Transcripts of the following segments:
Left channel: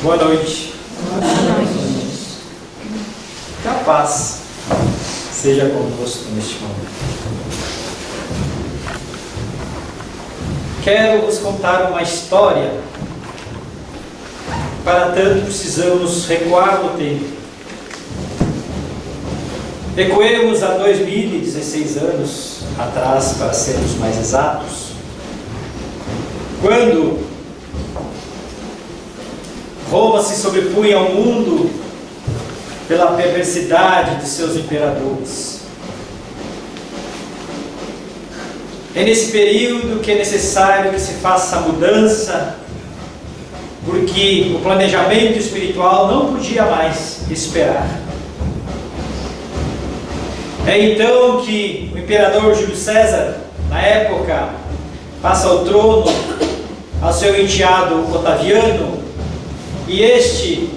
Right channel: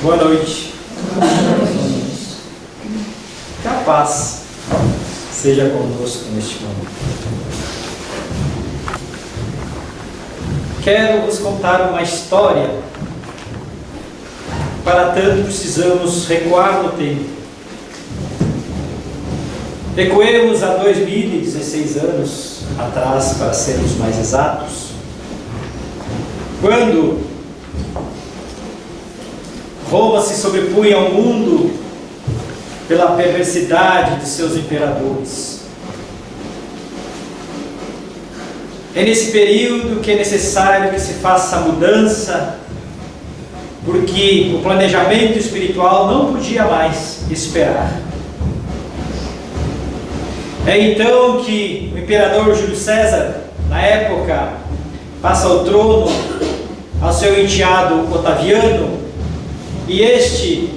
Boa noite. Que a paz seja conosco neste momento. Quero vos contar uma história. Para tanto precisamos recuar no tempo. Recuemos a 2016 anos atrás, para sermos mais exatos, quando Roma se sobrepunha ao mundo pela perversidade de seus imperadores. É nesse período que é necessário que se faça a mudança, porque o planejamento espiritual não podia mais esperar. É então que o imperador Júlio César, na época, passa o trono ao seu enteado Otaviano, e este,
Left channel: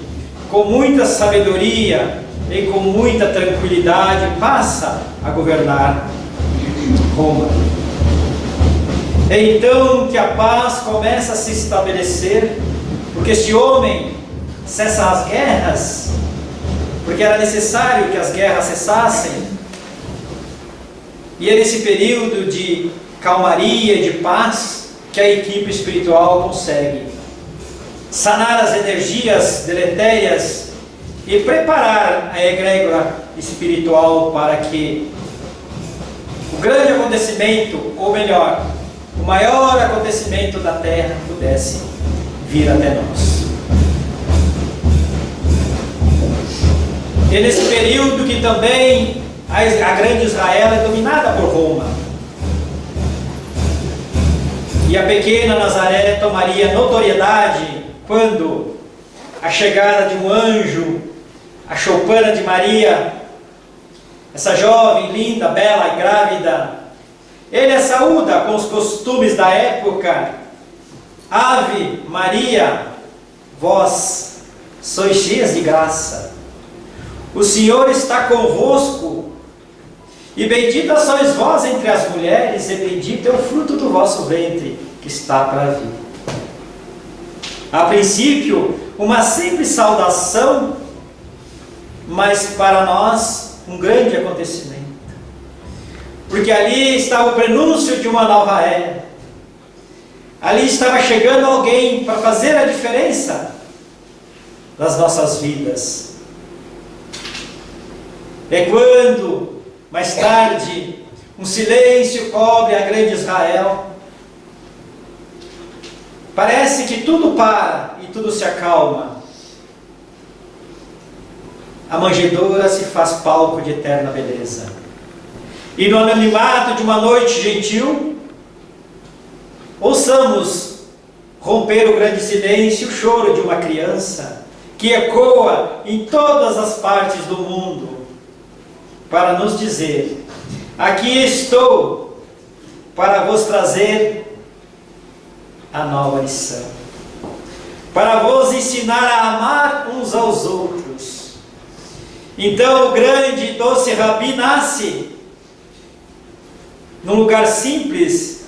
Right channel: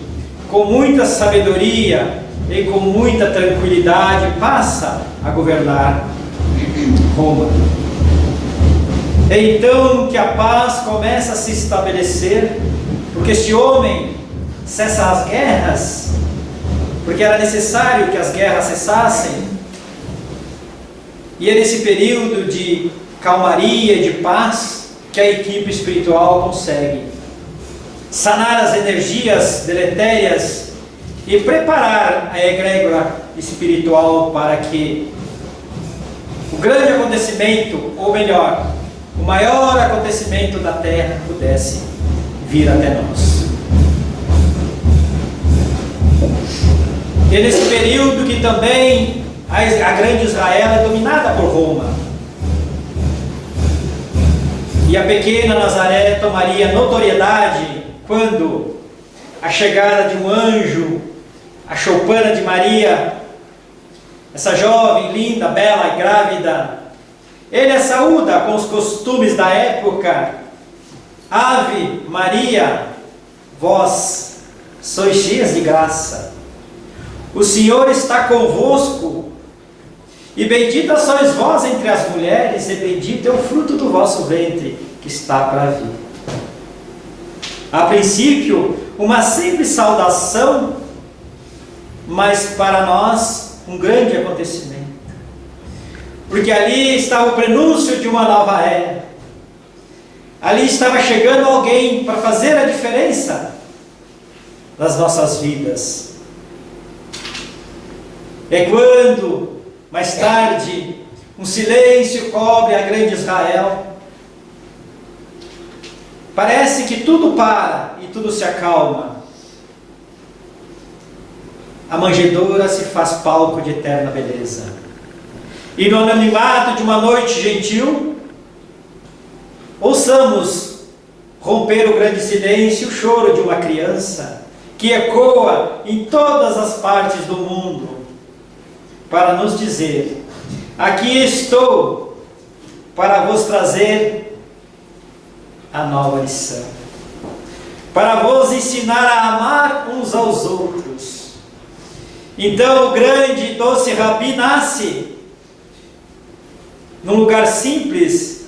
com muita sabedoria e com muita tranquilidade, passa a governar Roma. É então que a paz começa a se estabelecer, porque este homem cessa as guerras, porque era necessário que as guerras cessassem. E é nesse período de calmaria e de paz que a equipe espiritual consegue sanar as energias deletérias e preparar a egrégora espiritual para que o grande acontecimento, ou melhor, o maior acontecimento da Terra pudesse vir até nós. E nesse período que também a grande Israel é dominada por Roma. E a pequena Nazaré tomaria notoriedade quando a chegada de um anjo, a choupana de Maria, essa jovem, linda, bela e grávida, ele a saúda com os costumes da época. Ave Maria, vós sois cheias de graça, o Senhor está convosco, e bendita sois vós entre as mulheres, e bendito é o fruto do vosso ventre, que está para vir. A princípio, uma simples saudação, mas para nós um grande acontecimento. Porque ali estava o prenúncio de uma nova era. Ali estava chegando alguém para fazer a diferença nas nossas vidas. É quando, mais tarde, um silêncio cobre a grande Israel. Parece que tudo para e tudo se acalma. A manjedoura se faz palco de eterna beleza. E no anonimato de uma noite gentil, ouçamos romper o grande silêncio o choro de uma criança que ecoa em todas as partes do mundo para nos dizer: aqui estou para vos trazer a nova lição, para vos ensinar a amar uns aos outros. Então o grande e doce Rabi nasce num lugar simples.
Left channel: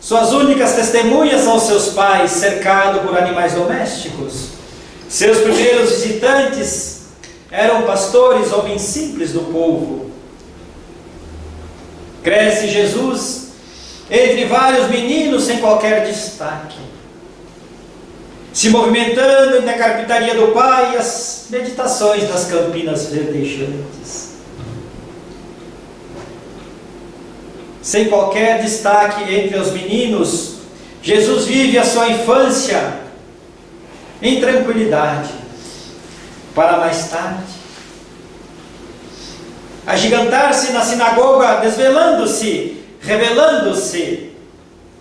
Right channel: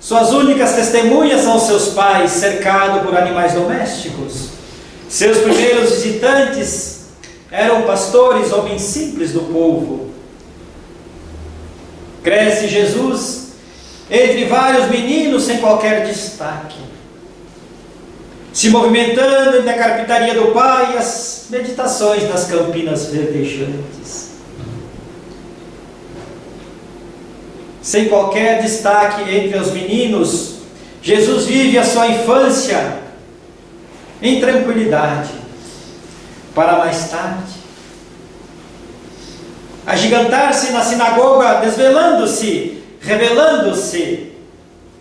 Suas únicas testemunhas são seus pais, cercado por animais domésticos. Seus primeiros visitantes eram pastores, homens simples do povo. Cresce Jesus entre vários meninos sem qualquer destaque, se movimentando entre a carpintaria do pai e as meditações das campinas verdejantes. Sem qualquer destaque entre os meninos, Jesus vive a sua infância em tranquilidade, para mais tarde agigantar-se na sinagoga, desvelando-se, revelando-se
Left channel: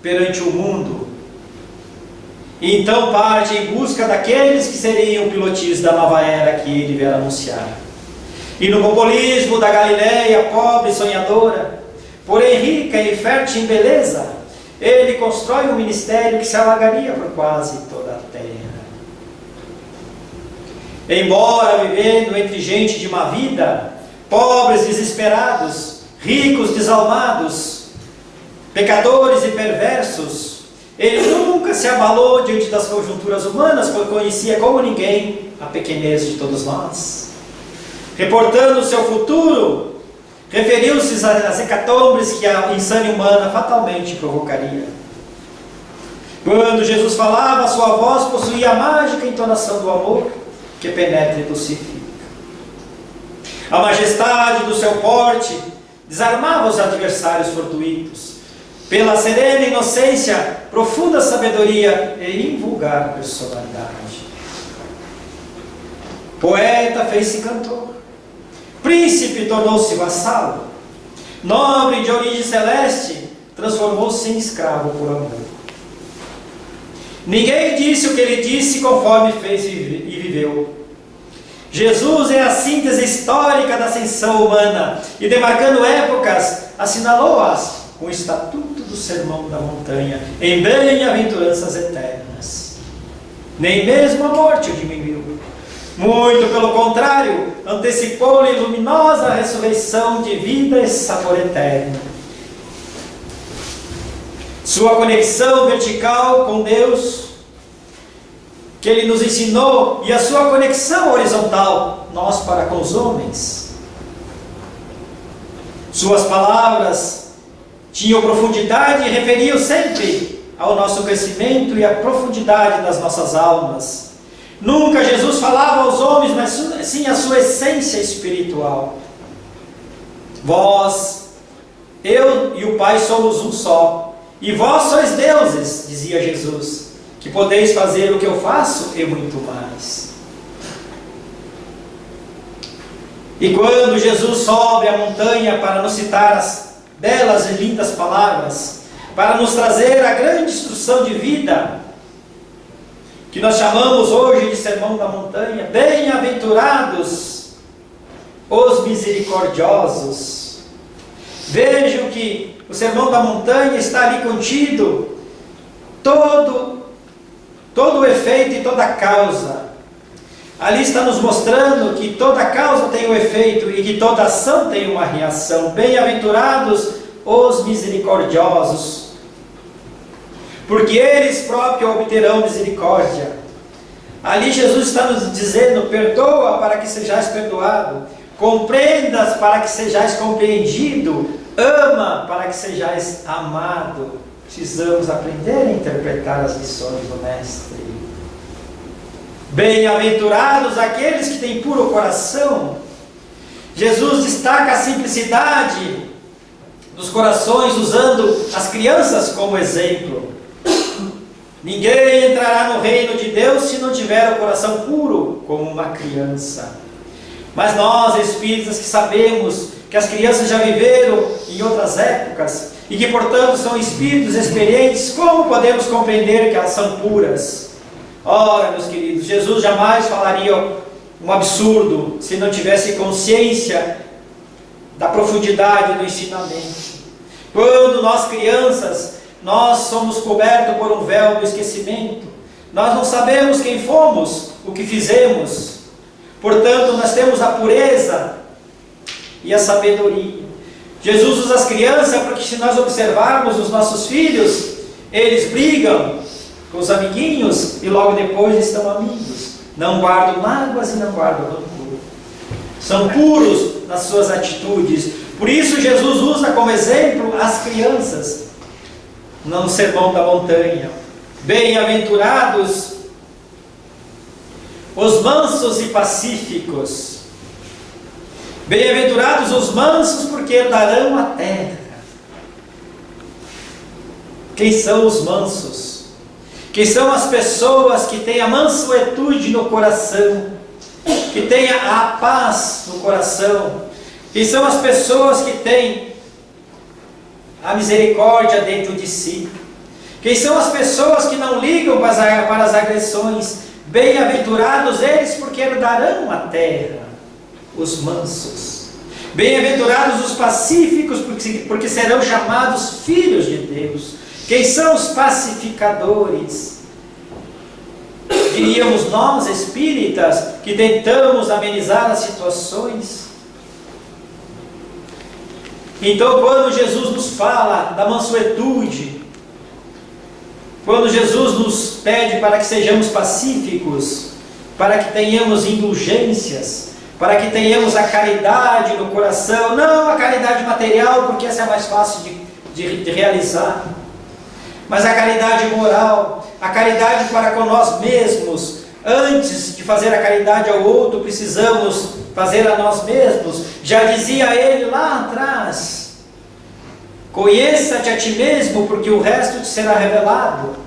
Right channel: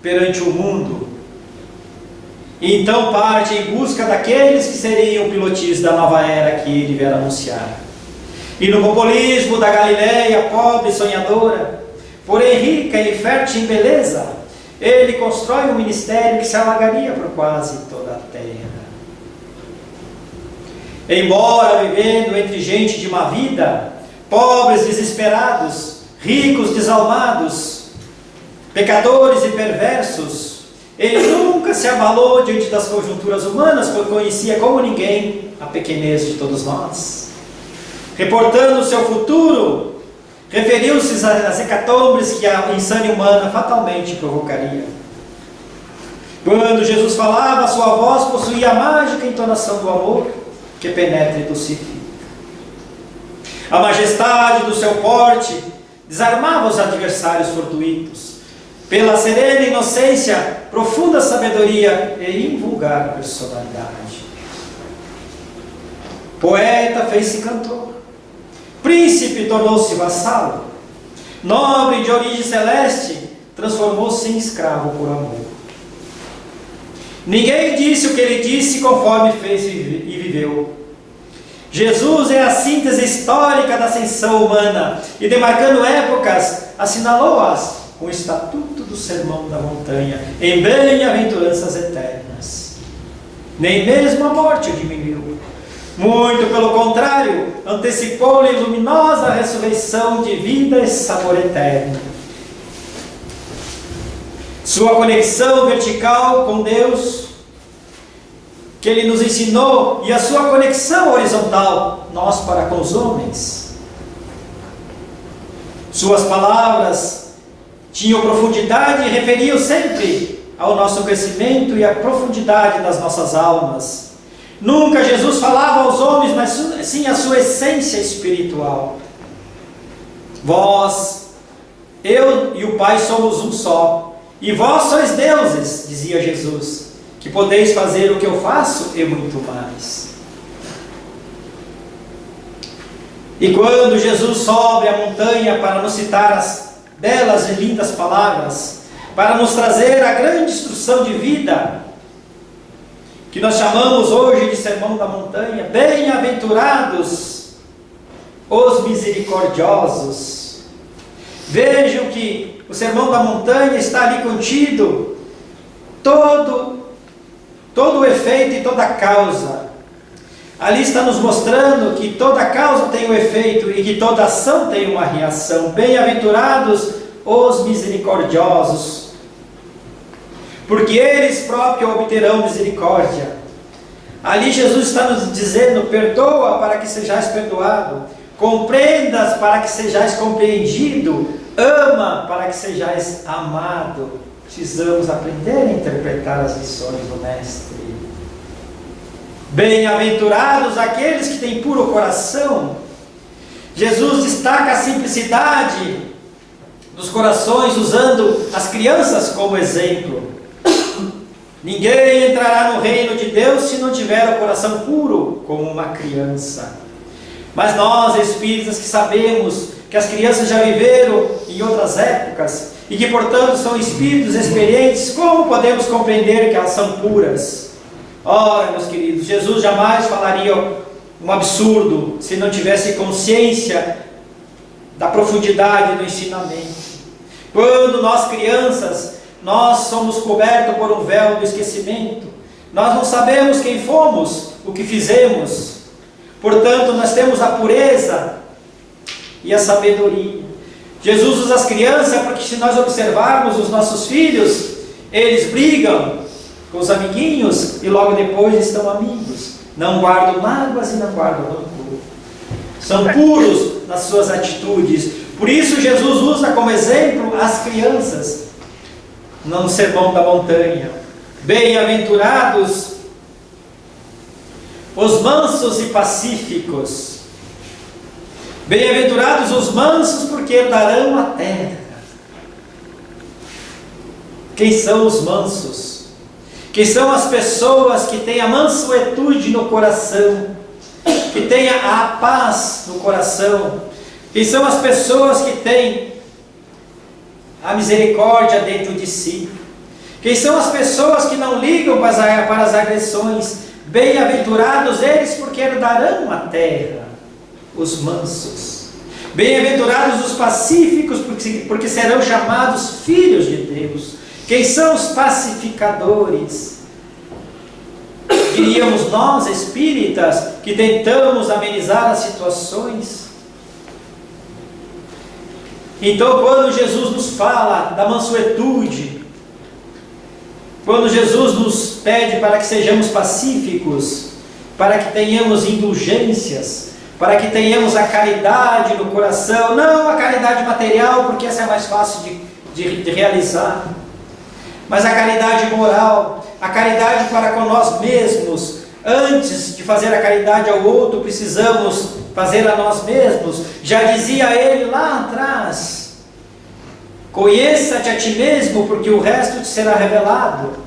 perante o mundo. E então parte em busca daqueles que seriam pilotis da nova era que ele vier anunciar. E no populismo da Galileia, pobre e sonhadora, porém rica e fértil em beleza, ele constrói um ministério que se alagaria por quase toda a terra. Embora vivendo entre gente de má vida, pobres desesperados, ricos desalmados, pecadores e perversos, Ele nunca se abalou diante das conjunturas humanas, pois conhecia como ninguém a pequenez de todos nós. Reportando o seu futuro, referiu-se às hecatombes que a insânia humana fatalmente provocaria. Quando Jesus falava, sua voz possuía a mágica entonação do amor que penetra e dulcifica. A majestade do seu porte desarmava os adversários fortuitos. Pela serena inocência, profunda sabedoria e invulgar personalidade. Poeta fez-se cantor. Príncipe tornou-se vassalo. Nobre de origem celeste, transformou-se em escravo por amor. Ninguém disse o que ele disse conforme fez e viveu. Jesus é a síntese histórica da ascensão humana e, demarcando épocas, assinalou-as com o estatuto do Sermão da Montanha, em bem-aventuranças eternas. Nem mesmo a morte o diminuiu. Muito pelo contrário, antecipou-lhe luminosa ressurreição de vida e sabor eterno. Sua conexão vertical com Deus, que Ele nos ensinou, e a sua conexão horizontal, nós para com os homens. Suas palavras tinham profundidade e referiam sempre ao nosso crescimento e à profundidade das nossas almas. Nunca Jesus falava aos homens, mas sim a sua essência espiritual. Vós, eu e o Pai somos um só, e vós sois deuses, dizia Jesus, que podeis fazer o que eu faço e muito mais. E quando Jesus sobe a montanha para nos citar as belas e lindas palavras, para nos trazer a grande instrução de vida, que nós chamamos hoje de Sermão da Montanha, bem-aventurados os misericordiosos. Vejam que o Sermão da Montanha está ali contido todo o efeito e toda a causa. Ali está nos mostrando que toda causa tem um efeito e que toda ação tem uma reação. Bem-aventurados os misericordiosos, porque eles próprios obterão misericórdia. Ali Jesus está nos dizendo: perdoa para que sejais perdoado, compreendas para que sejais compreendido, ama para que sejais amado. Precisamos aprender a interpretar as lições do Mestre. Bem-aventurados aqueles que têm puro coração. Jesus destaca a simplicidade dos corações, usando as crianças como exemplo. Ninguém entrará no reino de Deus se não tiver o coração puro como uma criança. Mas nós, espíritas, que sabemos que as crianças já viveram em outras épocas e que, portanto, são espíritos experientes, como podemos compreender que elas são puras? Ora, meus queridos, Jesus jamais falaria um absurdo se não tivesse consciência da profundidade do ensinamento. Quando nós crianças, nós somos cobertos por um véu do esquecimento. Nós não sabemos quem fomos, o que fizemos. Portanto, nós temos a pureza e a sabedoria. Jesus usa as crianças porque, se nós observarmos os nossos filhos, eles brigam com os amiguinhos e logo depois estão amigos. Não guardam mágoas e não guardam rancor. São puros nas suas atitudes. Por isso Jesus usa como exemplo as crianças no Sermão da Montanha. Bem-aventurados os mansos e pacíficos. Bem-aventurados os mansos, porque herdarão a terra. Quem são os mansos? Quem são as pessoas que têm a mansuetude no coração, que têm a paz no coração? Quem são as pessoas que têm a misericórdia dentro de si? Quem são as pessoas que não ligam para as agressões? Bem-aventurados eles, porque herdarão a terra. Os mansos. Bem-aventurados os pacíficos, porque serão chamados filhos de Deus. Quem são os pacificadores? Diríamos nós, espíritas, que tentamos amenizar as situações. Então, quando Jesus nos fala da mansuetude, Quando Jesus nos pede para que sejamos pacíficos, para que tenhamos indulgências, para que tenhamos a caridade no coração, não a caridade material, porque essa é mais fácil de realizar, mas a caridade moral, a caridade para com nós mesmos. Antes de fazer a caridade ao outro, precisamos fazer a nós mesmos. Já dizia ele lá atrás: conheça-te a ti mesmo, porque o resto te será revelado.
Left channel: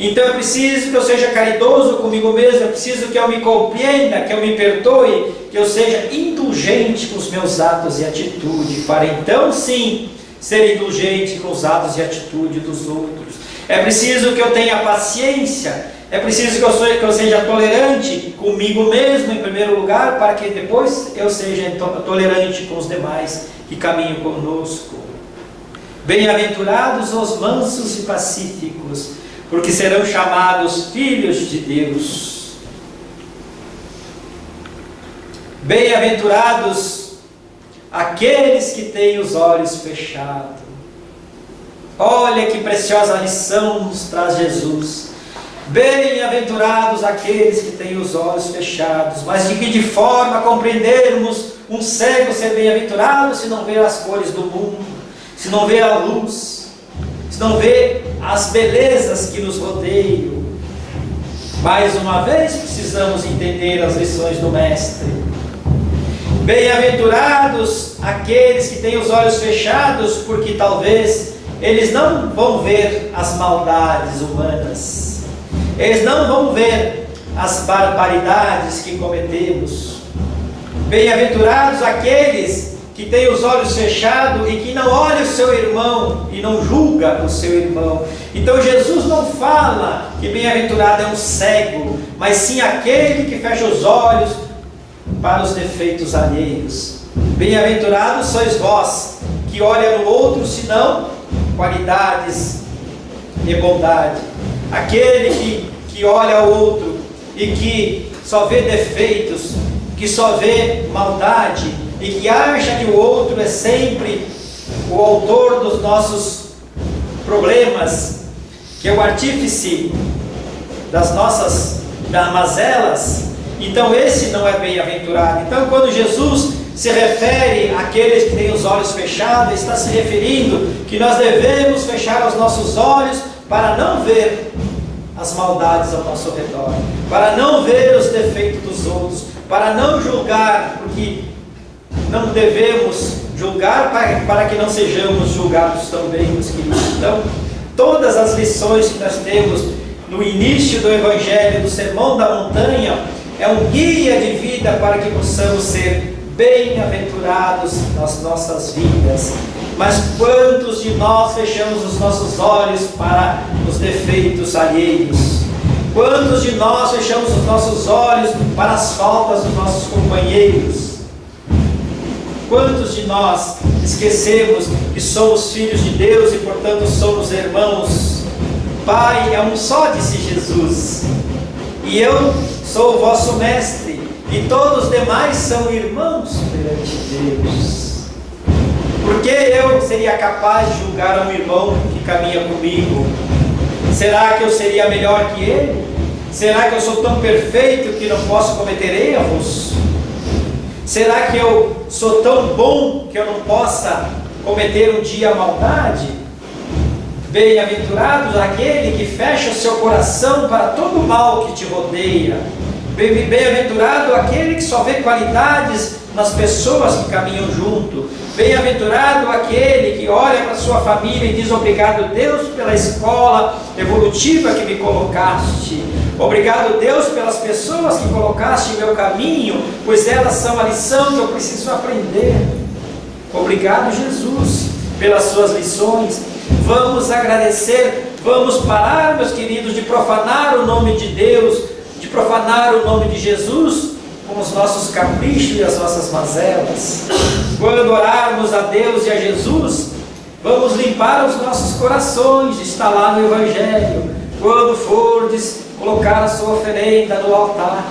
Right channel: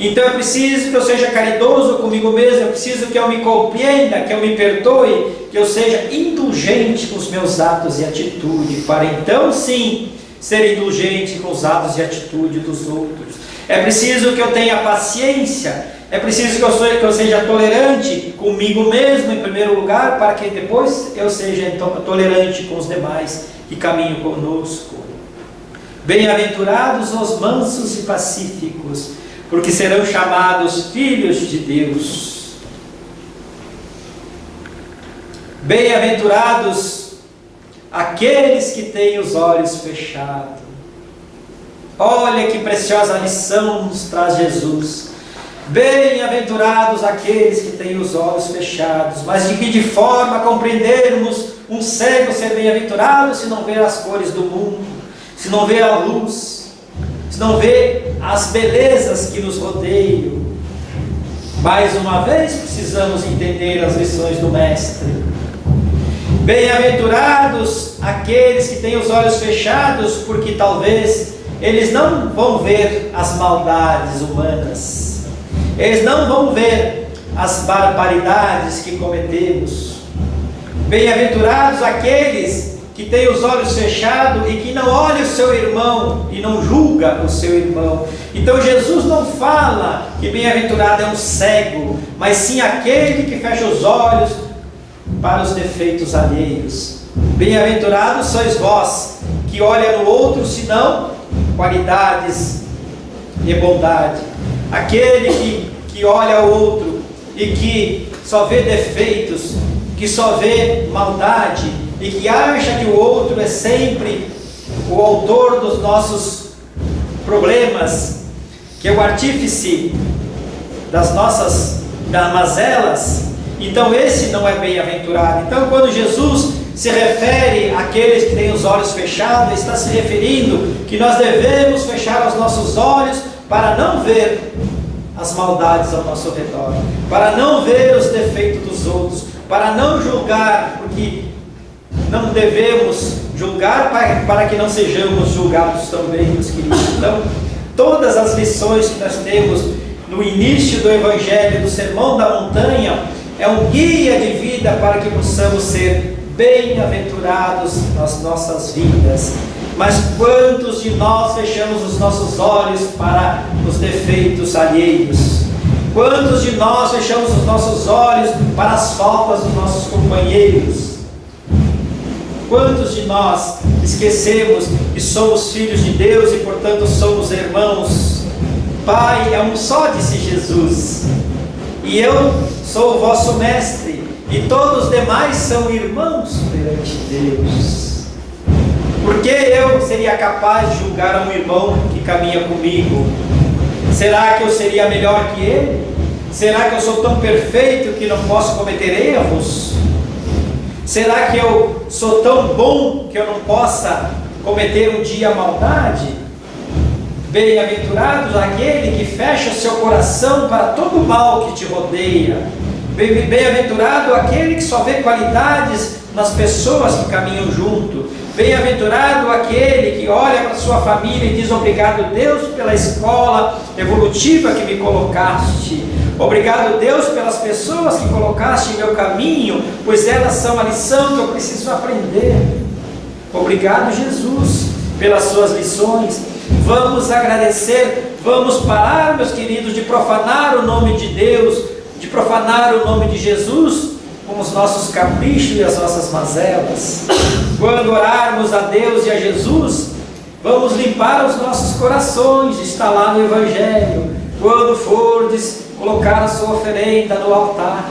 Então é preciso que eu seja caridoso comigo mesmo, é preciso que eu me compreenda, que eu me perdoe, que eu seja indulgente com os meus atos e atitude, para então sim ser indulgente com os atos e atitude dos outros. É preciso que eu tenha paciência, é preciso que eu seja tolerante comigo mesmo em primeiro lugar, para que depois eu seja tolerante com os demais que caminham conosco. Bem-aventurados os mansos e pacíficos, porque serão chamados filhos de Deus. Bem-aventurados aqueles que têm os olhos fechados. Olha que preciosa lição nos traz Jesus. Bem-aventurados aqueles que têm os olhos fechados. Mas de que forma compreendermos um cego ser bem-aventurado se não vê as cores do mundo, se não vê a luz, se não vê as belezas que nos rodeiam? Mais uma vez precisamos entender as lições do Mestre. Bem-aventurados aqueles que têm os olhos fechados, porque talvez eles não vão ver as maldades humanas, eles não vão ver as barbaridades que cometemos. Bem-aventurados aqueles que têm os olhos fechados e que não olha o seu irmão e não julga o seu irmão. Então Jesus não fala que bem-aventurado é um cego, mas sim aquele que fecha os olhos para os defeitos alheios. Bem-aventurados sois vós, que olha no outro, senão qualidades e bondade. Aquele que olha o outro e que só vê defeitos, que só vê maldade, e que acha que o outro é sempre o autor dos nossos problemas, que é o artífice das nossas mazelas, então esse não é bem-aventurado. Então quando Jesus se refere àqueles que têm os olhos fechados, está se referindo que nós devemos fechar os nossos olhos para não ver as maldades ao nosso redor, para não ver os defeitos dos outros, para não julgar, porque não devemos julgar para que não sejamos julgados também, meus queridos. Então, todas as lições que nós temos no início do Evangelho, do Sermão da Montanha, é um guia de vida para que possamos ser bem-aventurados nas nossas vidas. Mas quantos de nós fechamos os nossos olhos para os defeitos alheios? Quantos de nós fechamos os nossos olhos para as faltas dos nossos companheiros? Quantos de nós esquecemos que somos filhos de Deus e, portanto, somos irmãos? Pai é um só, disse Jesus, e eu sou o vosso mestre, e todos os demais são irmãos perante Deus. Por que eu seria capaz de julgar um irmão que caminha comigo? Será que eu seria melhor que ele? Será que eu sou tão perfeito que não posso cometer erros? Será que eu sou tão bom que eu não possa cometer um dia maldade? Bem-aventurados aquele que fecha o seu coração para todo o mal que te rodeia. Bem-aventurado aquele que só vê qualidades nas pessoas que caminham junto. Bem-aventurado aquele que olha para sua família e diz: obrigado, Deus, pela escola evolutiva que me colocaste. Obrigado, Deus, pelas pessoas que colocaste em meu caminho, pois elas são a lição que eu preciso aprender. Obrigado, Jesus, pelas suas lições. Vamos agradecer, vamos parar, meus queridos, de profanar o nome de Deus, de profanar o nome de Jesus com os nossos caprichos e as nossas mazelas. Quando orarmos a Deus e a Jesus, vamos limpar os nossos corações, está lá no Evangelho. Quando fordes colocar a sua oferenda no altar,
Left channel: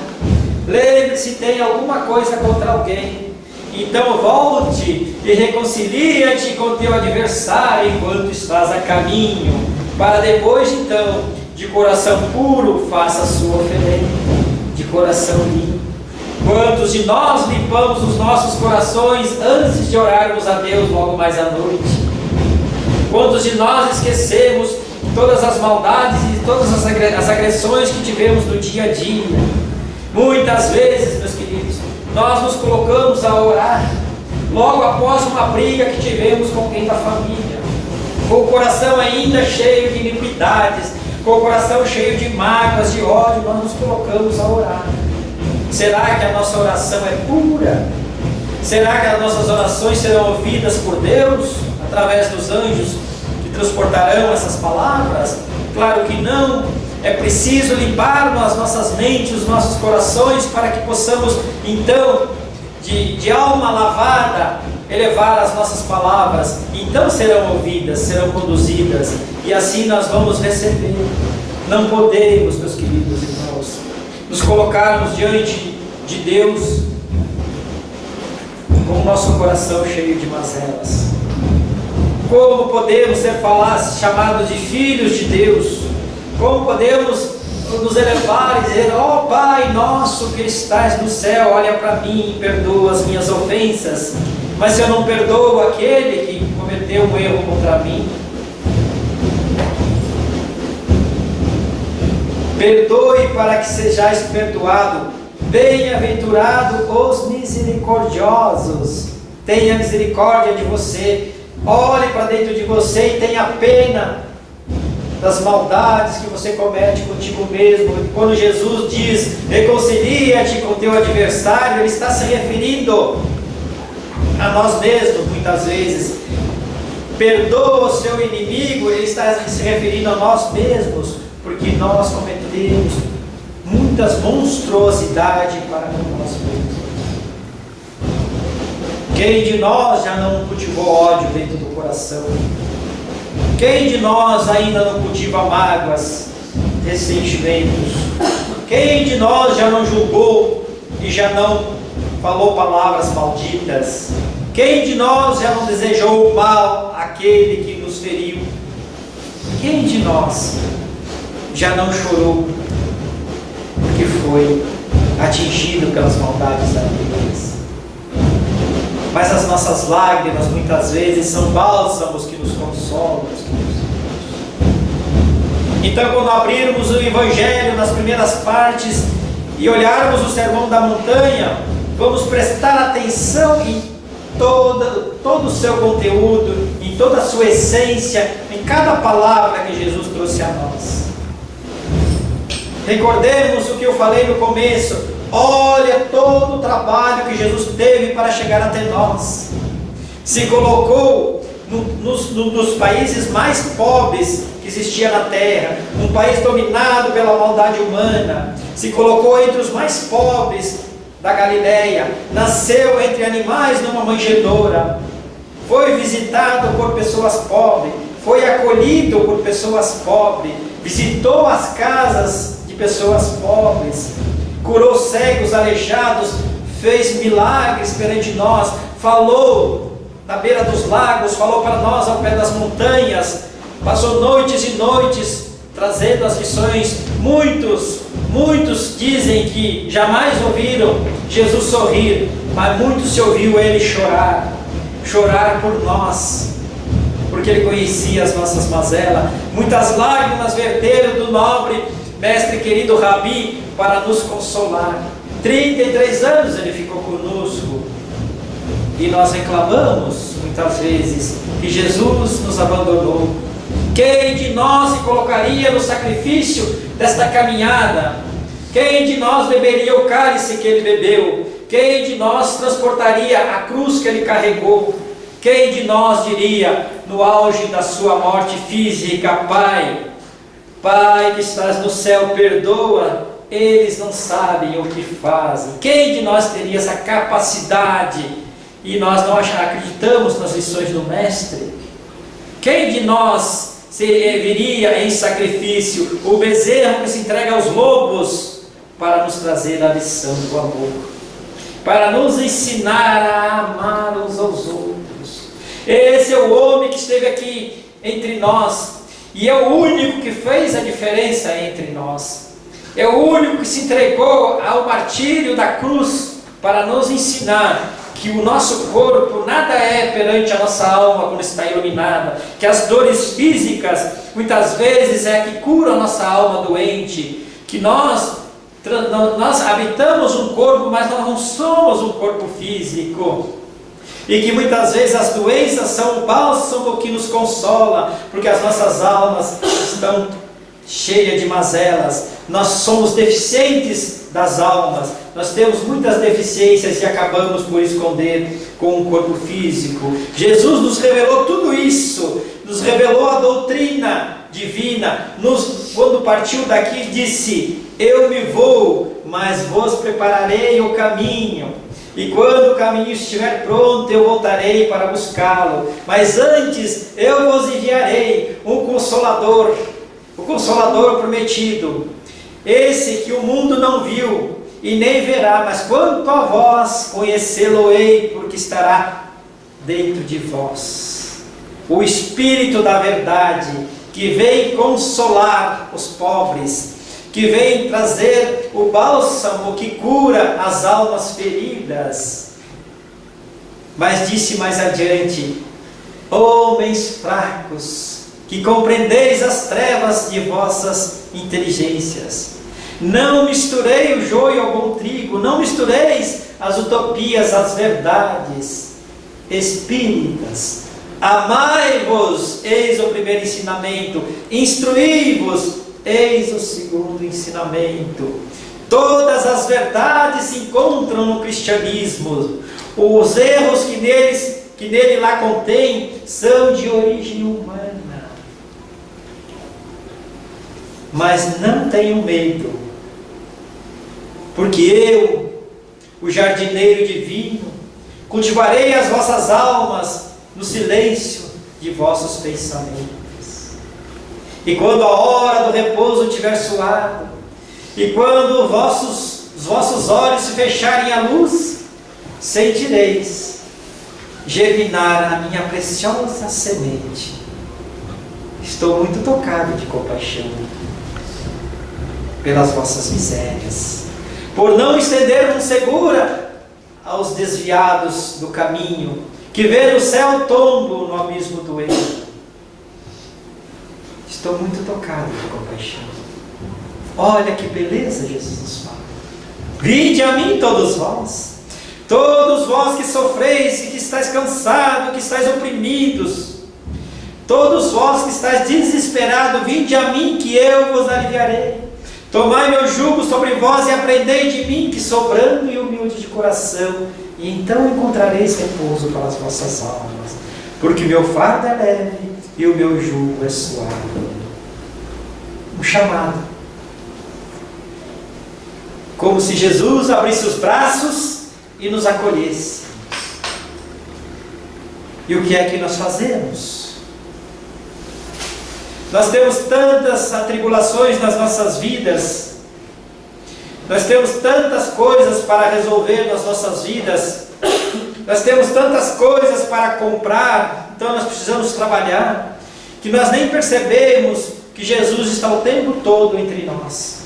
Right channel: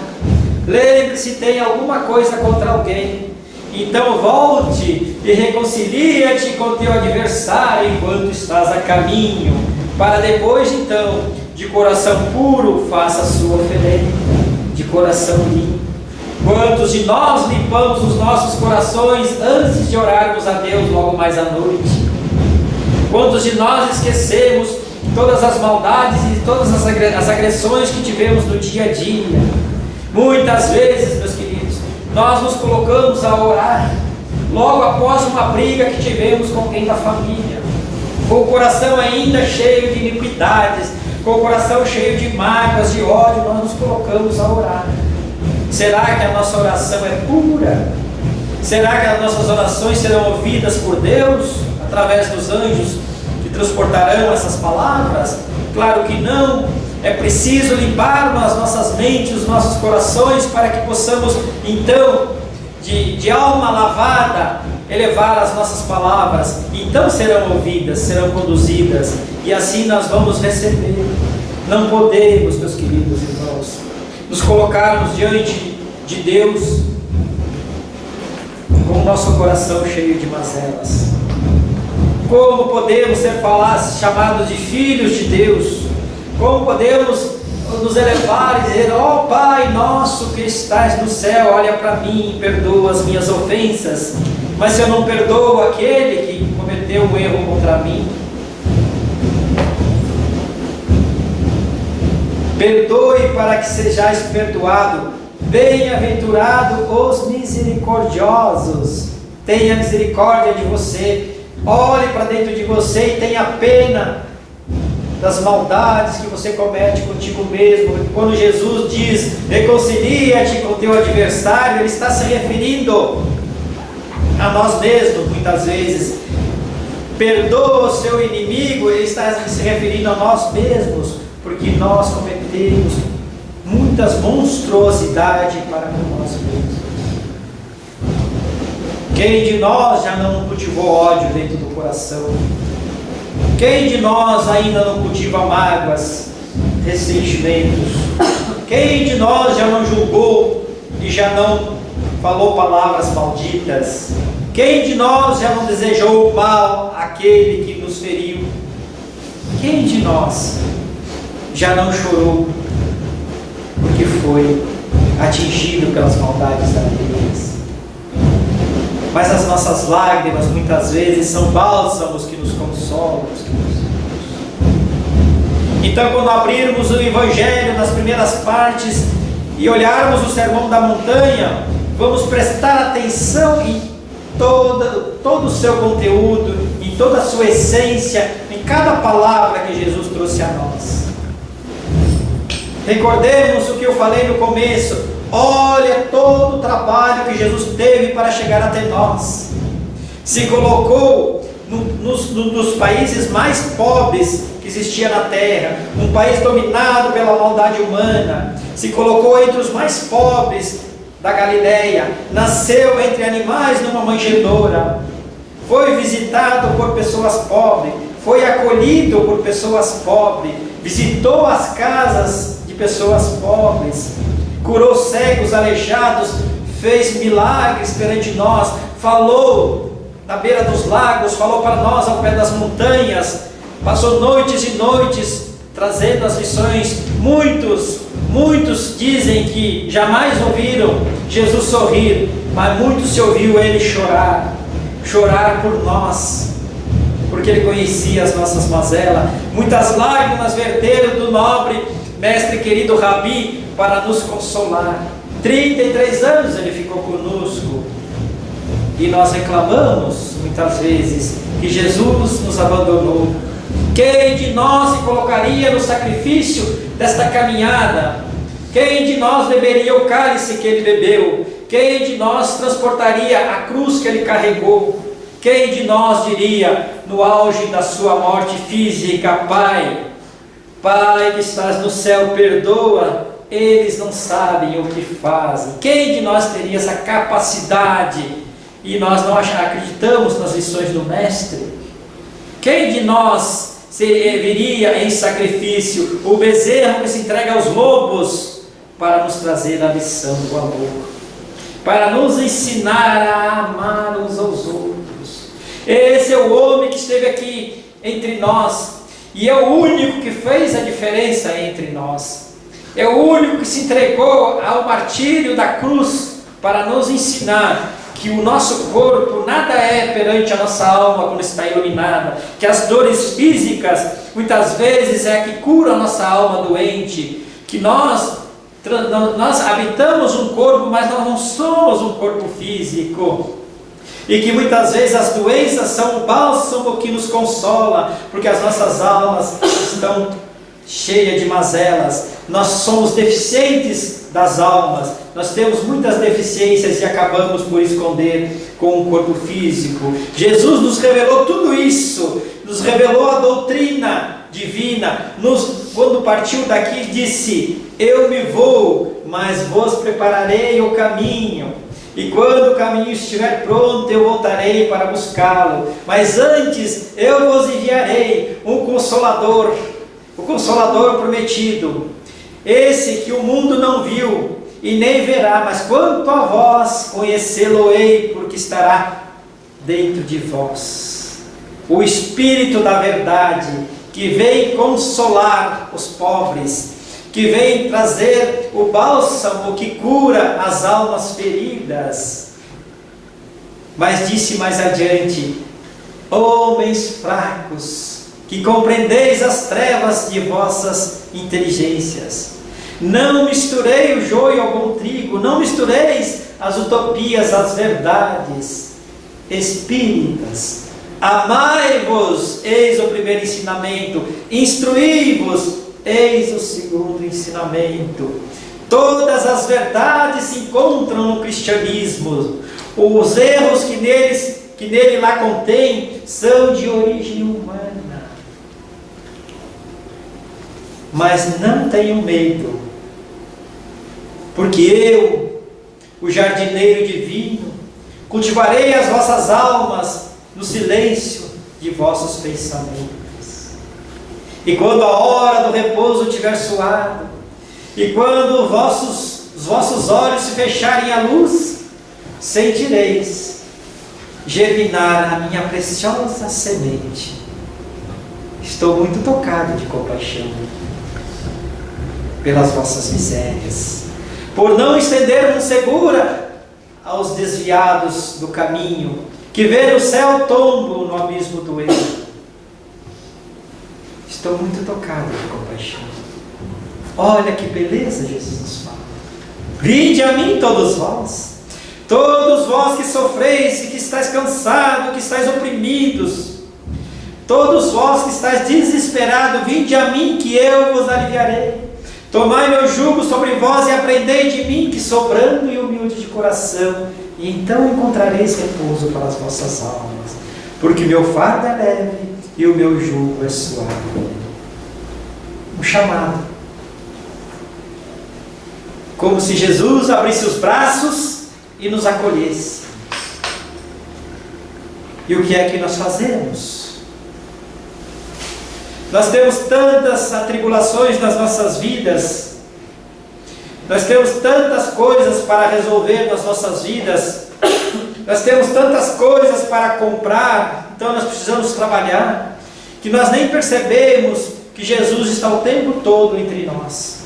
lembre-se, tem alguma coisa contra alguém, então volte e reconcilia-te com teu adversário enquanto estás a caminho, para depois então de coração puro, faça a sua oferenda, de coração limpo. Quantos de nós limpamos os nossos corações antes de orarmos a Deus logo mais à noite? Quantos de nós esquecemos todas as maldades e todas as agressões que tivemos no dia a dia? Muitas vezes, meus queridos, nós nos colocamos a orar logo após uma briga que tivemos com alguém da família, com o coração ainda cheio de iniquidades, com o coração cheio de mágoas, de ódio, nós nos colocamos a orar. Será que a nossa oração é pura? Será que as nossas orações serão ouvidas por Deus através dos anjos que transportarão essas palavras? Claro que não. É preciso limpar as nossas mentes, os nossos corações, para que possamos então, de alma lavada, elevar as nossas palavras. Então serão ouvidas, serão conduzidas, e assim nós vamos receber. Não podemos, meus queridos irmãos, nos colocarmos diante de Deus com o nosso coração cheio de mazelas. Como podemos ser chamados de filhos de Deus? Como podemos nos elevar e dizer: ó Pai nosso que estás no céu, olha para mim e perdoa as minhas ofensas? Mas se eu não perdoo aquele que cometeu um erro contra mim, perdoe para que sejais perdoado. Bem-aventurado os misericordiosos. Tenha misericórdia de você. Olhe para dentro de você e tenha pena das maldades que você comete contigo mesmo. Quando Jesus diz: reconcilia-te com teu adversário, Ele está se referindo a nós mesmos muitas vezes. Perdoa o seu inimigo, Ele está se referindo a nós mesmos, porque nós cometemos muitas monstruosidades para com nós mesmos. Quem de nós já não cultivou ódio dentro do coração? Quem de nós ainda não cultiva mágoas, ressentimentos? Quem de nós já não julgou e já não falou palavras malditas? Quem de nós já não desejou o mal àquele que nos feriu? Quem de nós já não chorou porque foi atingido pelas maldades alheias? Mas as nossas lágrimas muitas vezes são bálsamos que nos consolam. Então, quando abrirmos o Evangelho nas primeiras partes e olharmos o Sermão da Montanha, vamos prestar atenção em todo o seu conteúdo, em toda a sua essência, em cada palavra que Jesus trouxe a nós. Recordemos o que eu falei no começo. Olha todo o trabalho que Jesus teve para chegar até nós. Se colocou nos países mais pobres que existia na terra, um país dominado pela maldade humana. Se colocou entre os mais pobres da Galileia, nasceu entre animais numa manjedoura, foi visitado por pessoas pobres, foi acolhido por pessoas pobres, visitou as casas de pessoas pobres, curou cegos, aleijados, fez milagres perante nós, falou na beira dos lagos, falou para nós ao pé das montanhas, passou noites e noites trazendo as lições. Muitos dizem que jamais ouviram Jesus sorrir, mas muitos se ouviu Ele chorar por nós, porque Ele conhecia as nossas mazelas. Muitas lágrimas verteram do nobre mestre querido Rabi para nos consolar. 33 anos Ele ficou conosco, e nós reclamamos muitas vezes que Jesus nos abandonou. Quem de nós se colocaria no sacrifício desta caminhada? Quem de nós beberia o cálice que Ele bebeu? Quem de nós transportaria a cruz que Ele carregou? Quem de nós diria no auge da sua morte física: Pai que estás no céu, perdoa, eles não sabem o que fazem? Quem de nós teria essa capacidade? E nós não acreditamos nas lições do Mestre? Quem de nós viria em sacrifício, o bezerro que se entrega aos lobos, para nos trazer a lição do amor, para nos ensinar a amar uns aos outros? Esse é o homem que esteve aqui entre nós, E é o único que fez a diferença entre nós. É o único que se entregou ao martírio da cruz para nos ensinar que o nosso corpo nada é perante a nossa alma quando está iluminada, que as dores físicas muitas vezes é que cura a nossa alma doente, que nós habitamos um corpo, mas nós não somos um corpo físico, e que muitas vezes as doenças são o bálsamo que nos consola, porque as nossas almas estão cheias de mazelas, nós somos deficientes das almas, nós temos muitas deficiências e acabamos por esconder com o corpo físico. Jesus nos revelou tudo isso, nos revelou a doutrina divina, quando partiu daqui disse: eu me vou, mas vos prepararei o caminho, e quando o caminho estiver pronto, eu voltarei para buscá-lo, mas antes eu vos enviarei um Consolador, o Consolador prometido, esse que o mundo não viu e nem verá, mas quanto a vós conhecê-lo-ei, porque estará dentro de vós. O Espírito da verdade, que vem consolar os pobres, que vem trazer o bálsamo que cura as almas feridas. Mas disse mais adiante: homens fracos, que compreendeis as trevas de vossas inteligências, não misturei o joio ao bom trigo, não mistureis as utopias às verdades. Espíritas, amai-vos, eis o primeiro ensinamento, instruí-vos, eis o segundo ensinamento. Todas as verdades se encontram no cristianismo. Os erros que nele lá contém são de origem humana. Mas não tenham medo, porque eu, o jardineiro divino, cultivarei as vossas almas no silêncio de vossos pensamentos. E quando a hora do repouso tiver soado, e quando os vossos olhos se fecharem à luz, sentireis germinar a minha preciosa semente. Estou muito tocado de compaixão pelas vossas misérias, por não estender mão segura aos desviados do caminho, que vê o céu tombo no abismo do erro. Estou muito tocado de compaixão. Olha que beleza Jesus nos fala: vinde a mim todos vós que sofreis e que estáis cansados, que estáis oprimidos, todos vós que estáis desesperados, vinde a mim que eu vos aliviarei. Tomai meu jugo sobre vós e aprendei de mim, que sou brando e humilde de coração, e então encontrareis repouso para as vossas almas, porque meu fardo é leve e o meu jugo é suave. Um chamado, como se Jesus abrisse os braços e nos acolhesse. E o que é que nós fazemos? Nós temos tantas atribulações nas nossas vidas, nós temos tantas coisas para resolver nas nossas vidas, nós temos tantas coisas para comprar, então nós precisamos trabalhar, que nós nem percebemos que Jesus está o tempo todo entre nós,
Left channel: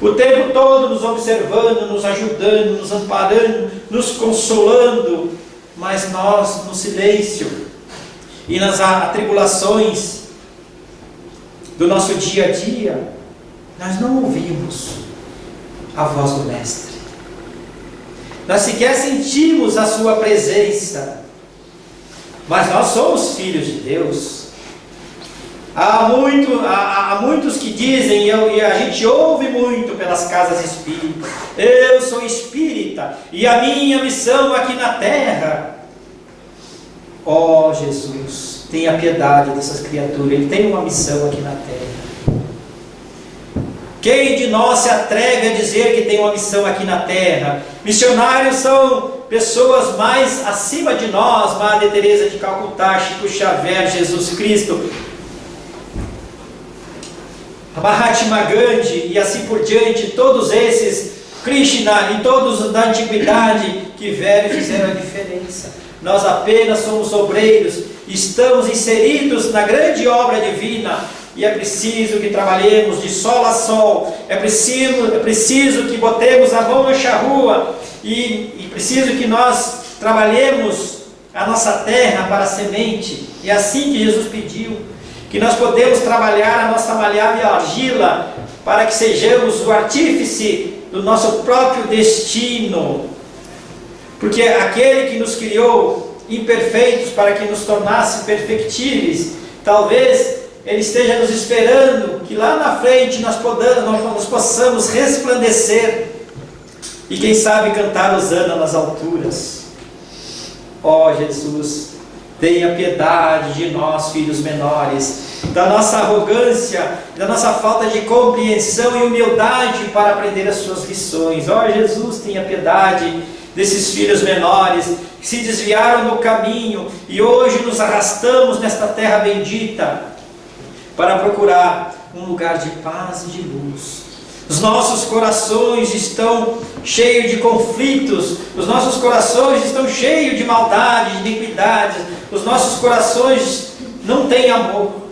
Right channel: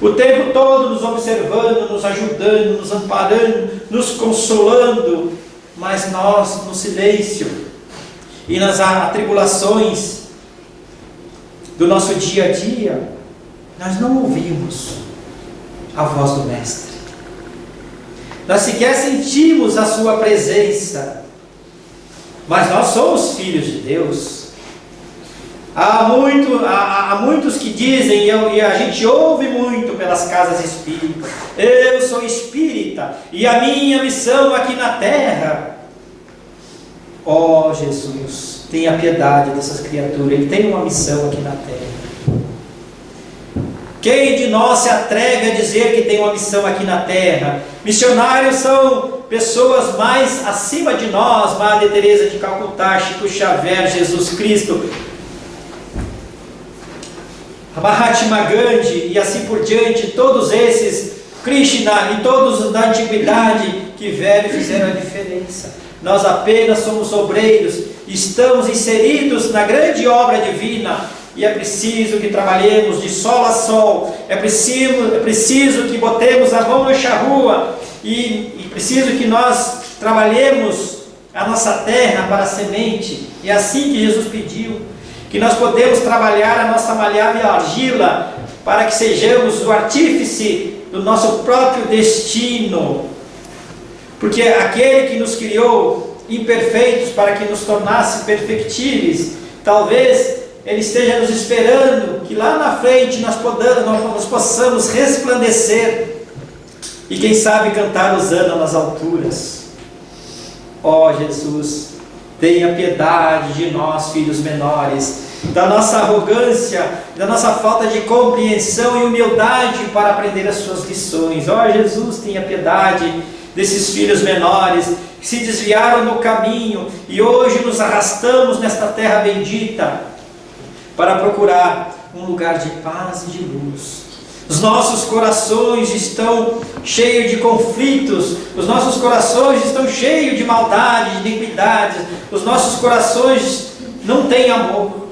o tempo todo nos observando, nos ajudando, nos amparando, nos consolando, mas nós no silêncio e nas atribulações do nosso dia a dia, nós não ouvimos a voz do Mestre, nós sequer sentimos a sua presença, mas nós somos filhos de Deus. Há muitos que dizem, e a gente ouve muito pelas casas espíritas: eu sou espírita e a minha missão aqui na terra. Ó Jesus, tenha piedade dessas criaturas, ele tem uma missão aqui na terra. Quem de nós se atreve a dizer que tem uma missão aqui na terra? Missionários são pessoas mais acima de nós, Madre Teresa de Calcutá, Chico Xavier, Jesus Cristo, Mahatma Gandhi e assim por diante, todos esses, Krishna e todos da antiguidade que vieram e fizeram a diferença. Nós apenas somos obreiros, estamos inseridos na grande obra divina, e é preciso que trabalhemos de sol a sol, é preciso que botemos a mão na charrua, e preciso que nós trabalhemos a nossa terra para a semente. É assim que Jesus pediu, que nós podemos trabalhar a nossa maleável argila, para que sejamos o artífice do nosso próprio destino. Porque aquele que nos criou imperfeitos para que nos tornasse perfectíveis, talvez Ele esteja nos esperando que lá na frente nós possamos resplandecer e quem sabe cantar hosana nas alturas. Ó Jesus, tenha piedade de nós, filhos menores, da nossa arrogância, da nossa falta de compreensão e humildade para aprender as suas lições. Ó Jesus, tenha piedade desses filhos menores que se desviaram do caminho e hoje nos arrastamos nesta terra bendita para procurar um lugar de paz e de luz. Os nossos corações estão cheios de conflitos, os nossos corações estão cheios de maldade, de iniquidades, os nossos corações não têm amor.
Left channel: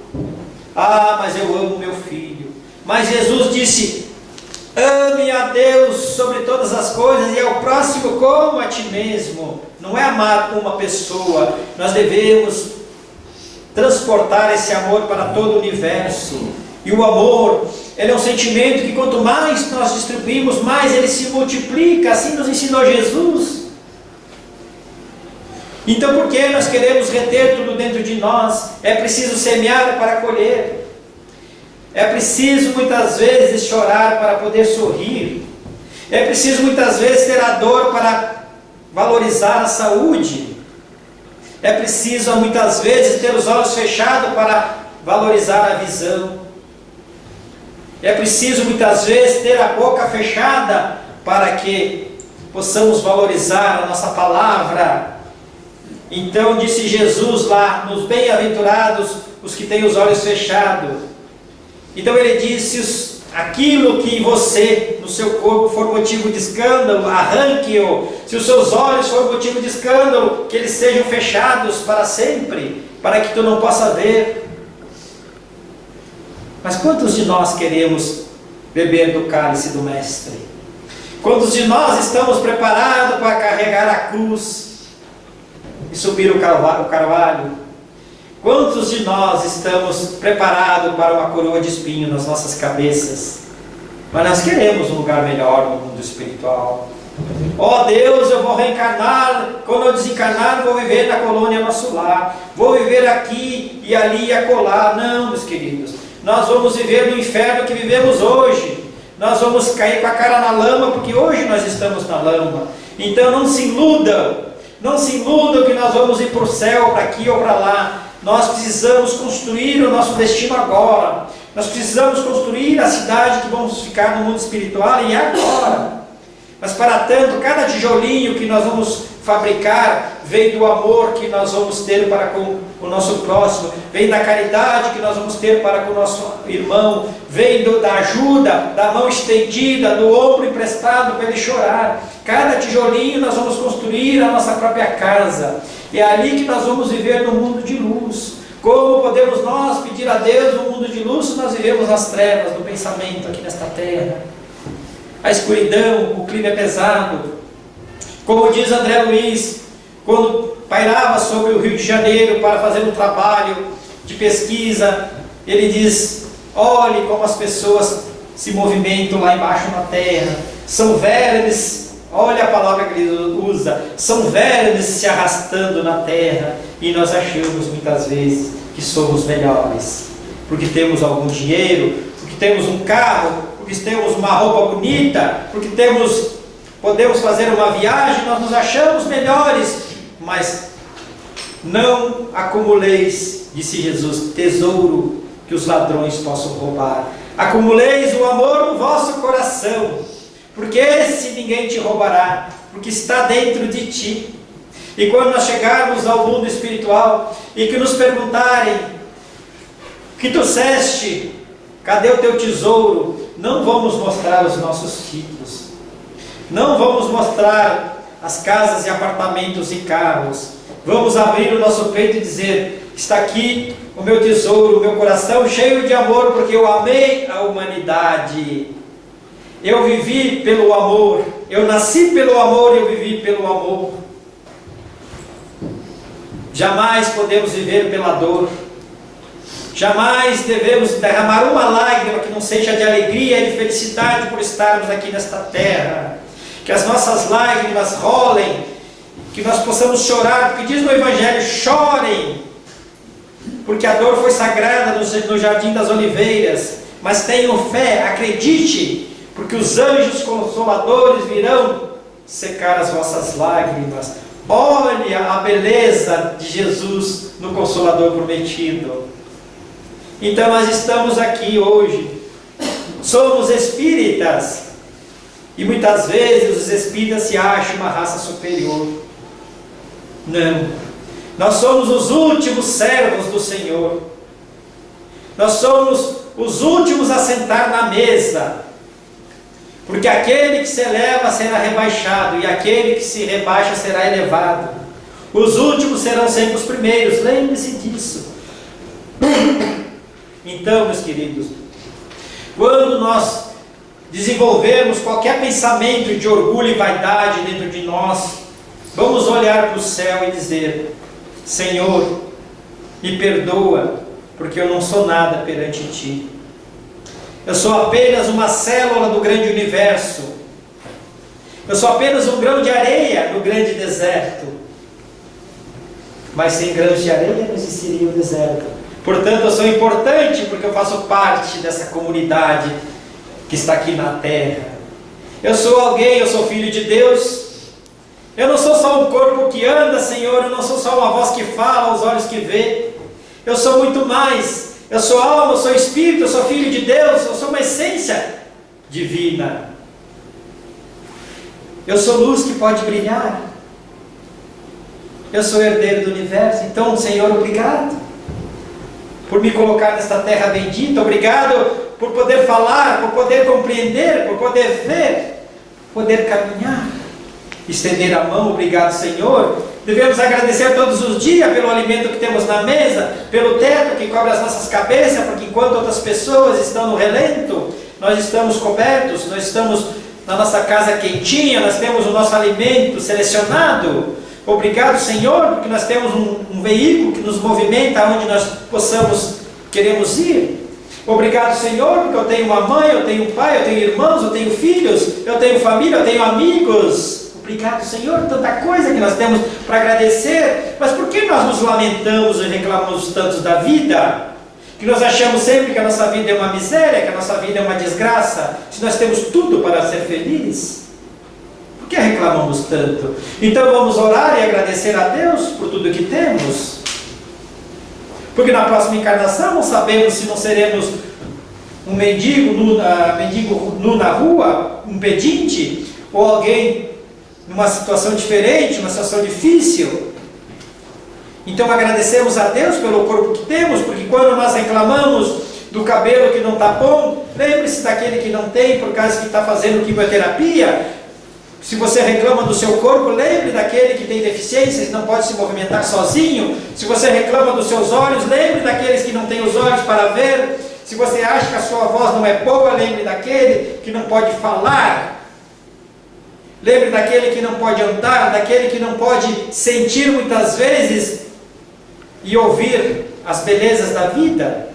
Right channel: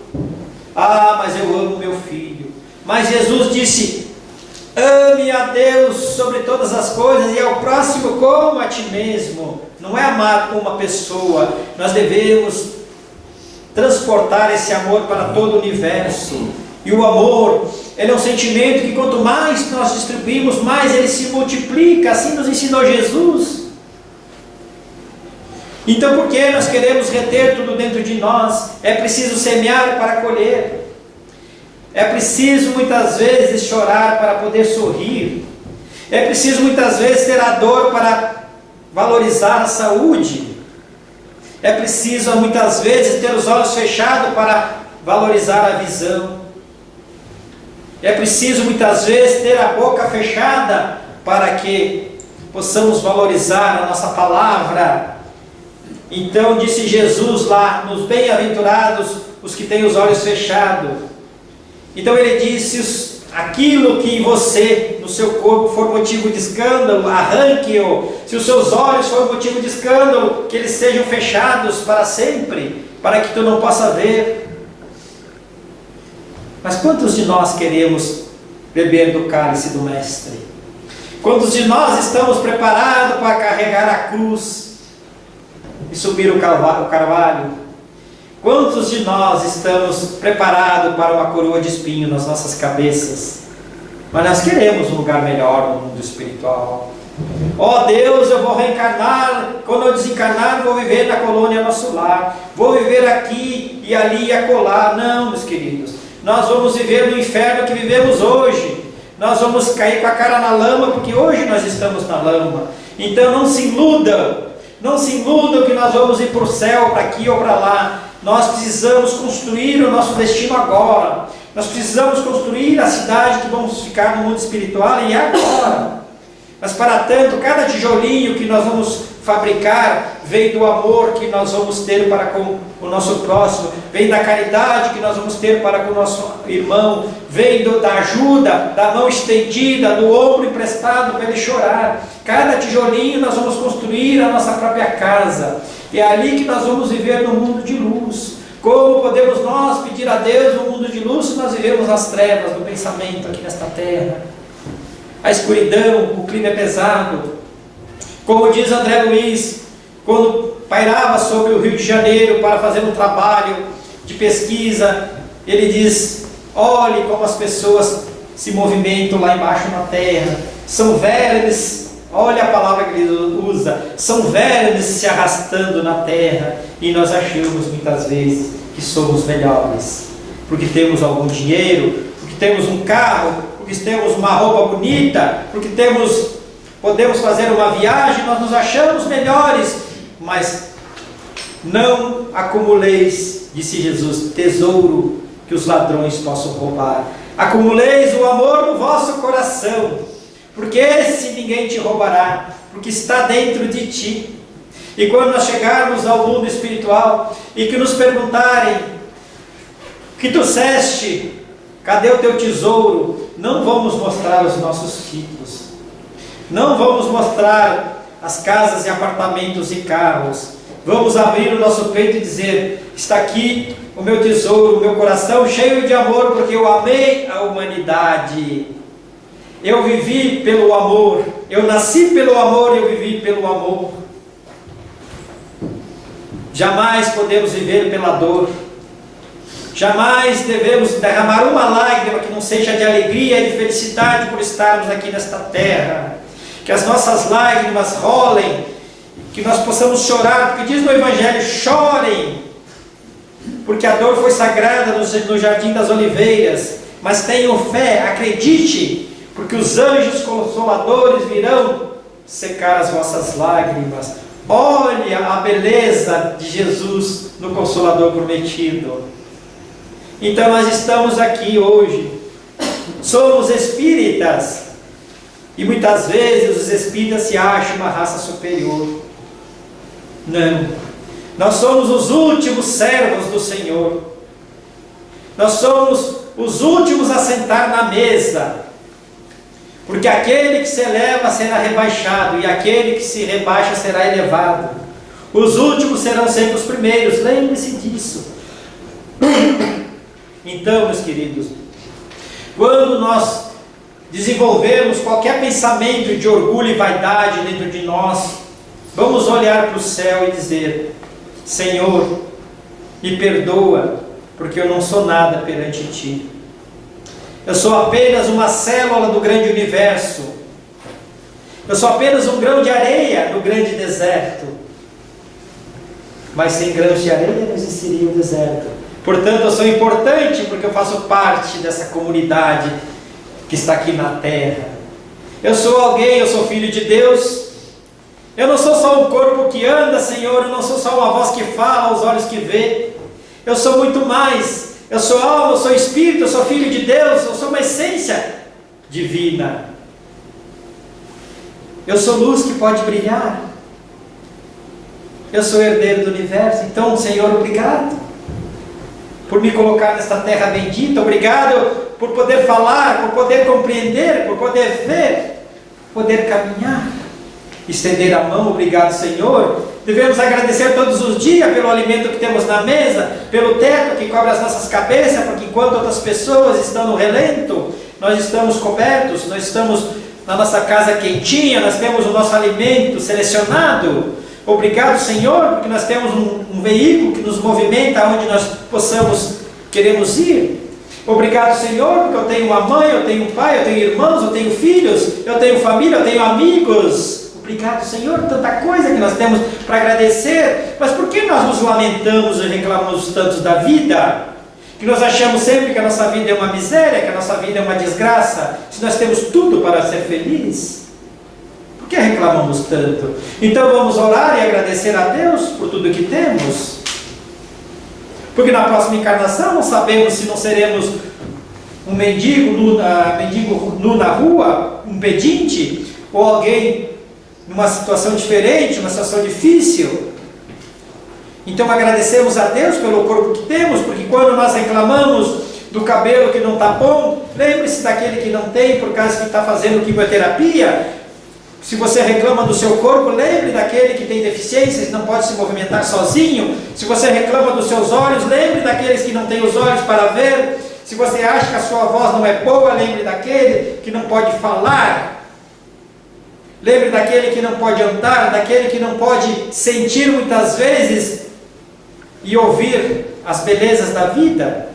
Ah, mas eu amo meu filho. Mas Jesus disse: ame a Deus sobre todas as coisas e ao próximo como a ti mesmo. Não é amar uma pessoa, nós devemos transportar esse amor para todo o universo. E o amor, ele é um sentimento que quanto mais nós distribuímos, mais ele se multiplica. Assim nos ensinou Jesus. Então, por que nós queremos reter tudo dentro de nós? É preciso semear para colher. É preciso muitas vezes chorar para poder sorrir. É preciso muitas vezes ter a dor para valorizar a saúde. É preciso muitas vezes ter os olhos fechados para valorizar a visão. É preciso muitas vezes ter a boca fechada para que possamos valorizar a nossa palavra. Então disse Jesus lá, nos bem-aventurados os que têm os olhos fechados. Então ele disse: aquilo que você, no seu corpo, for motivo de escândalo, arranque-o. Se os seus olhos for motivo de escândalo, que eles sejam fechados para sempre, para que tu não possa ver. Mas quantos de nós queremos beber do cálice do Mestre? Quantos de nós estamos preparados para carregar a cruz e subir o carvalho? Quantos de nós estamos preparados para uma coroa de espinho nas nossas cabeças? Mas nós queremos um lugar melhor no mundo espiritual. Ó Deus, eu vou reencarnar, quando eu desencarnar vou viver na colônia Nosso Lar, vou viver aqui e ali e acolá. Não, meus queridos, nós vamos viver no inferno que vivemos hoje. Nós vamos cair com a cara na lama, porque hoje nós estamos na lama. Então não se iludam, não se iludam que nós vamos ir para o céu, para aqui ou para lá. Nós precisamos construir o nosso destino agora. Nós precisamos construir a cidade que vamos ficar no mundo espiritual e agora. Mas para tanto, cada tijolinho que nós vamos fabricar vem do amor que nós vamos ter para com o nosso próximo, vem da caridade que nós vamos ter para com o nosso irmão, vem da ajuda, da mão estendida, do ombro emprestado para ele chorar. Cada tijolinho nós vamos construir a nossa própria casa. É ali que nós vamos viver no mundo de luz. Como podemos nós pedir a Deus um mundo de luz se nós vivemos nas trevas do pensamento aqui nesta terra? A escuridão, o clima é pesado. Como diz André Luiz, quando pairava sobre o Rio de Janeiro para fazer um trabalho de pesquisa, ele diz: olhe como as pessoas se movimentam lá embaixo na terra. São vermes, olha a palavra que ele usa, são vermes se arrastando na terra. E nós achamos muitas vezes que somos melhores, porque temos algum dinheiro, porque temos um carro, porque temos uma roupa bonita, porque podemos fazer uma viagem, nós nos achamos melhores. Mas não acumuleis, disse Jesus, tesouro que os ladrões possam roubar. Acumuleis o amor no vosso coração, porque esse ninguém te roubará, porque está dentro de ti. E quando nós chegarmos ao mundo espiritual e que nos perguntarem: o que trouxeste? Cadê o teu tesouro? Não vamos mostrar os nossos títulos, não vamos mostrar as casas e apartamentos e carros. Vamos abrir o nosso peito e dizer: está aqui o meu tesouro, o meu coração cheio de amor, porque eu amei a humanidade. Eu vivi pelo amor, eu nasci pelo amor, eu vivi pelo amor. Jamais podemos viver pela dor. Jamais devemos derramar uma lágrima que não seja de alegria e de felicidade por estarmos aqui nesta terra. Que as nossas lágrimas rolem, que nós possamos chorar, porque diz no Evangelho: chorem, porque a dor foi sagrada no Jardim das Oliveiras. Mas tenham fé, acredite, porque os anjos consoladores virão secar as vossas lágrimas. Olha a beleza de Jesus no Consolador prometido. Então nós estamos aqui hoje, somos espíritas, e muitas vezes os espíritas se acham uma raça superior. Não, nós somos os últimos servos do Senhor, nós somos os últimos a sentar na mesa, porque aquele que se eleva será rebaixado, e aquele que se rebaixa será elevado. Os últimos serão sempre os primeiros, lembre-se disso. Então, meus queridos, quando nós desenvolvermos qualquer pensamento de orgulho e vaidade dentro de nós, vamos olhar para o céu e dizer: Senhor, me perdoa, porque eu não sou nada perante Ti. Eu sou apenas uma célula do grande universo. Eu sou apenas um grão de areia no grande deserto. Mas sem grãos de areia não existiria o deserto. Portanto, eu sou importante porque eu faço parte dessa comunidade que está aqui na terra. Eu sou alguém, eu sou filho de Deus. Eu não sou só um corpo que anda, Senhor. Eu não sou só uma voz que fala, os olhos que vê. Eu sou muito mais. Eu sou alma, eu sou espírito, eu sou filho de Deus, eu sou uma essência divina. Eu sou luz que pode brilhar. Eu sou herdeiro do universo. Então, Senhor, obrigado por me colocar nesta terra bendita. Obrigado por poder falar, por poder compreender, por poder ver, poder caminhar, estender a mão. Obrigado, Senhor. Devemos agradecer todos os dias pelo alimento que temos na mesa, pelo teto que cobre as nossas cabeças, porque enquanto outras pessoas estão no relento, nós estamos cobertos, nós estamos na nossa casa quentinha, nós temos o nosso alimento selecionado. Obrigado, Senhor, porque nós temos um veículo que nos movimenta onde nós queremos ir. Obrigado, Senhor, porque eu tenho uma mãe, eu tenho um pai, eu tenho irmãos, eu tenho filhos, eu tenho família, eu tenho amigos. Obrigado, Senhor, tanta coisa que nós temos para agradecer. Mas por que nós nos lamentamos e reclamamos tanto da vida? Que nós achamos sempre que a nossa vida é uma miséria, que a nossa vida é uma desgraça, se nós temos tudo para ser felizes? Por que reclamamos tanto? Então vamos orar e agradecer a Deus por tudo que temos. Porque na próxima encarnação não sabemos se não seremos um mendigo nu na rua, um pedinte, ou alguém numa situação diferente, uma situação difícil. Então agradecemos a Deus pelo corpo que temos, porque quando nós reclamamos do cabelo que não está bom, lembre-se daquele que não tem, por causa que está fazendo quimioterapia. Se você reclama do seu corpo, lembre daquele que tem deficiências e não pode se movimentar sozinho. Se você reclama dos seus olhos, lembre daqueles que não têm os olhos para ver. Se você acha que a sua voz não é boa, lembre daquele que não pode falar. Lembre daquele que não pode andar, daquele que não pode sentir muitas vezes e ouvir as belezas da vida.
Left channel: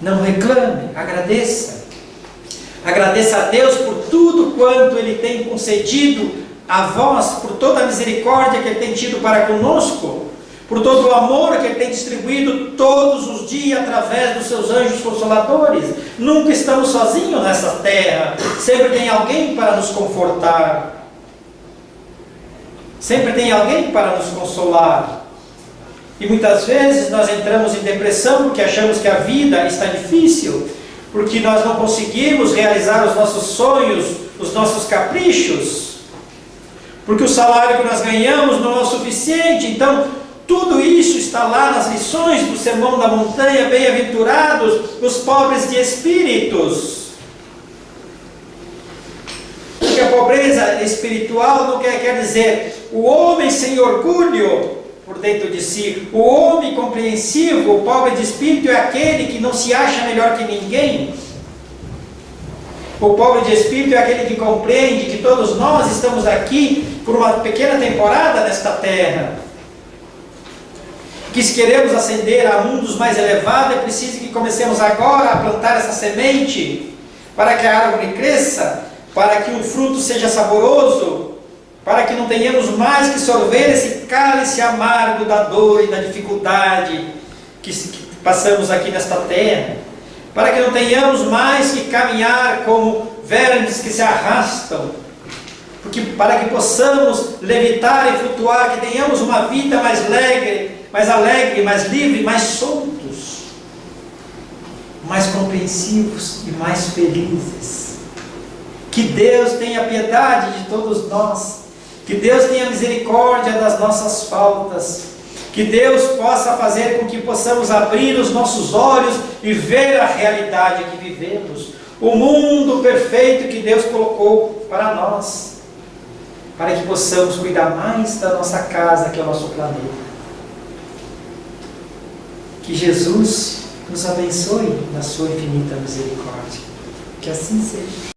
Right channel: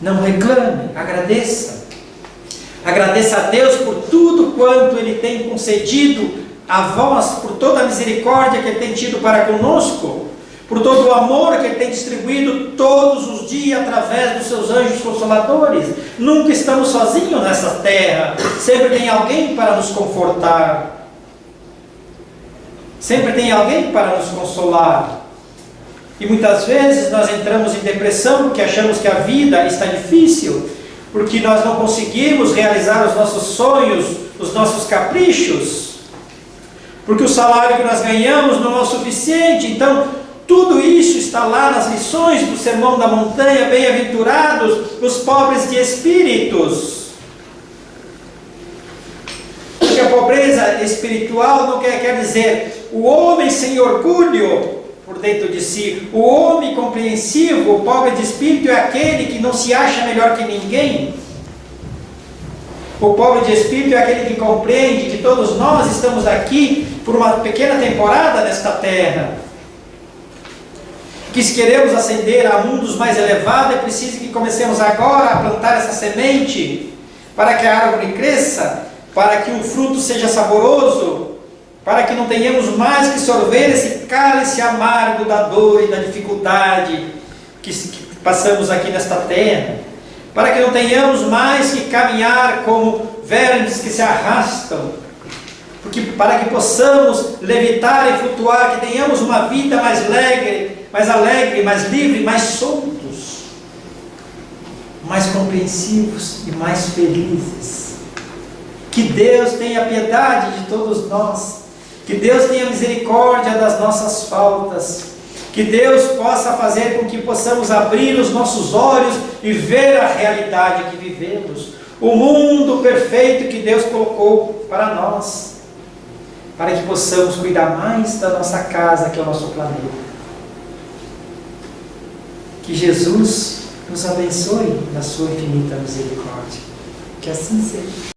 Não reclame, agradeça. Agradeça a Deus por tudo quanto Ele tem concedido a vós, por toda a misericórdia que Ele tem tido para conosco, por todo o amor que Ele tem distribuído todos os dias através dos seus anjos consoladores. Nunca estamos sozinhos nessa terra, sempre tem alguém para nos confortar, sempre tem alguém para nos consolar. E muitas vezes nós entramos em depressão porque achamos que a vida está difícil, porque nós não conseguimos realizar os nossos sonhos, os nossos caprichos, porque o salário que nós ganhamos não é o suficiente. Então tudo isso está lá nas lições do Sermão da Montanha: bem-aventurados os pobres de espíritos. Porque a pobreza espiritual não quer dizer o homem sem orgulho, por dentro de si. O homem compreensivo, o pobre de espírito, é aquele que não se acha melhor que ninguém. O pobre de espírito é aquele que compreende que todos nós estamos aqui por uma pequena temporada nesta terra. Que se queremos ascender a mundos mais elevados, é preciso que comecemos agora a plantar essa semente, para que a árvore cresça, para que o fruto seja saboroso, para que não tenhamos mais que sorver esse cálice amargo da dor e da dificuldade que passamos aqui nesta terra, para que não tenhamos mais que caminhar como vermes que se arrastam, para que possamos levitar e flutuar, que tenhamos uma vida mais alegre, mais livre, mais soltos, mais compreensivos e mais felizes. Que Deus tenha piedade de todos nós, que Deus tenha misericórdia das nossas faltas, que Deus possa fazer com que possamos abrir os nossos olhos e ver a realidade que vivemos, o mundo perfeito que Deus colocou para nós, para que possamos cuidar mais da nossa casa, que é o nosso planeta. Que Jesus nos abençoe na sua infinita misericórdia. Que assim seja.